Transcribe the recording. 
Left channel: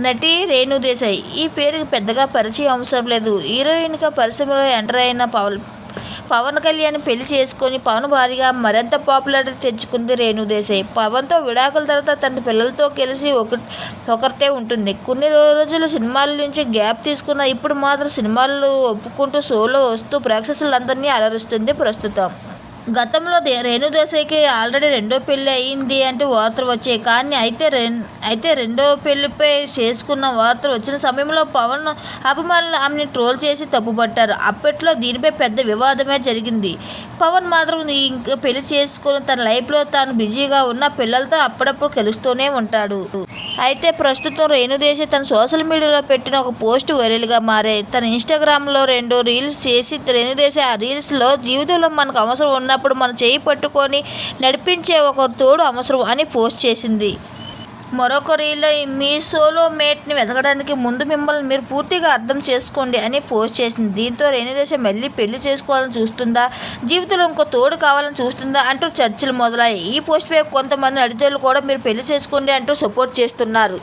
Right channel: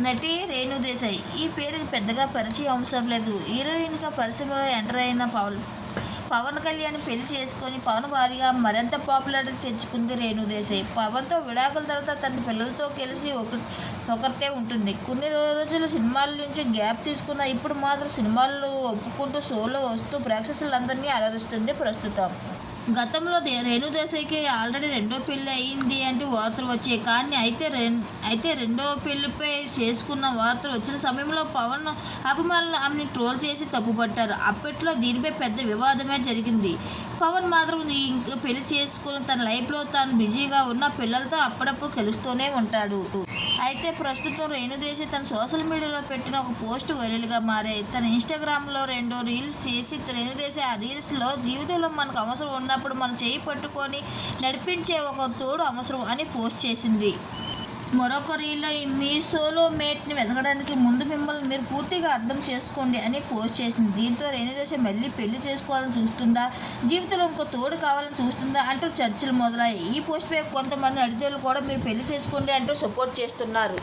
నటి రేణు దేశాయ్. ఈ పేరుకి పెద్దగా పరిచయం అవసరం లేదు. హీరోయిన్గా పరిశ్రమలో ఎంటర్ అయిన పవన్ పవన్ కళ్యాణ్ పెళ్ళి చేసుకొని పవన్ భారీగా మరింత పాపులారిటీ తెచ్చుకుంది రేణు దేశాయ్. పవన్తో విడాకుల తర్వాత తన పిల్లలతో కలిసి ఒక ఒకరితే ఉంటుంది. కొన్ని రోజులు సినిమాల నుంచి గ్యాప్ తీసుకున్న ఇప్పుడు మాత్రం సినిమాలు ఒప్పుకుంటూ షోలో వస్తూ ప్రేక్షకులందరినీ అలరిస్తుంది ప్రస్తుతం. గతంలో దే రేణు ఆల్రెడీ రెండో పెళ్ళి అయింది అంటే వార్తలు వచ్చాయి. కానీ అయితే రెన్ అయితే రెండో పెళ్ళిపై చేసుకున్న వార్తలు వచ్చిన సమయంలో పవన్ అభిమానులు ఆమెను ట్రోల్ చేసి తప్పుపట్టారు. అప్పట్లో దీనిపై పెద్ద వివాదమే జరిగింది. పవన్ మాత్రం ఇంకా పెళ్ళి చేసుకుని తన లైఫ్లో తాను బిజీగా ఉన్న పిల్లలతో అప్పుడప్పుడు కలుస్తూనే ఉంటాడు. అయితే ప్రస్తుతం రేణుదేశాయ్ తన సోషల్ మీడియాలో పెట్టిన ఒక పోస్ట్ వైరల్గా మారాయి. తన ఇన్స్టాగ్రామ్లో రెండు రీల్స్ చేసి రేణుదేశాయ్ ఆ రీల్స్లో జీవితంలో మనకు అవసరం ఉన్న ఉన్నప్పుడు మనం చేయి పట్టుకొని నడిపించే ఒక తోడు అవసరం అని పోస్ట్ చేసింది. మరొక రీల్లో మీ సోలో మేట్ని వెతకడానికి ముందు మిమ్మల్ని మీరు పూర్తిగా అర్థం చేసుకోండి అని పోస్ట్ చేసింది. దీంతో రేణుదేశ మళ్ళీ పెళ్ళి చేసుకోవాలని చూస్తుందా? జీవితంలో ఇంకో తోడు కావాలని చూస్తుందా? అంటూ చర్చలు మొదలయ్యాయి. ఈ పోస్ట్పై కొంతమంది అడిజోళ్ళు కూడా మీరు పెళ్ళి చేసుకోండి అంటూ సపోర్ట్ చేస్తున్నారు.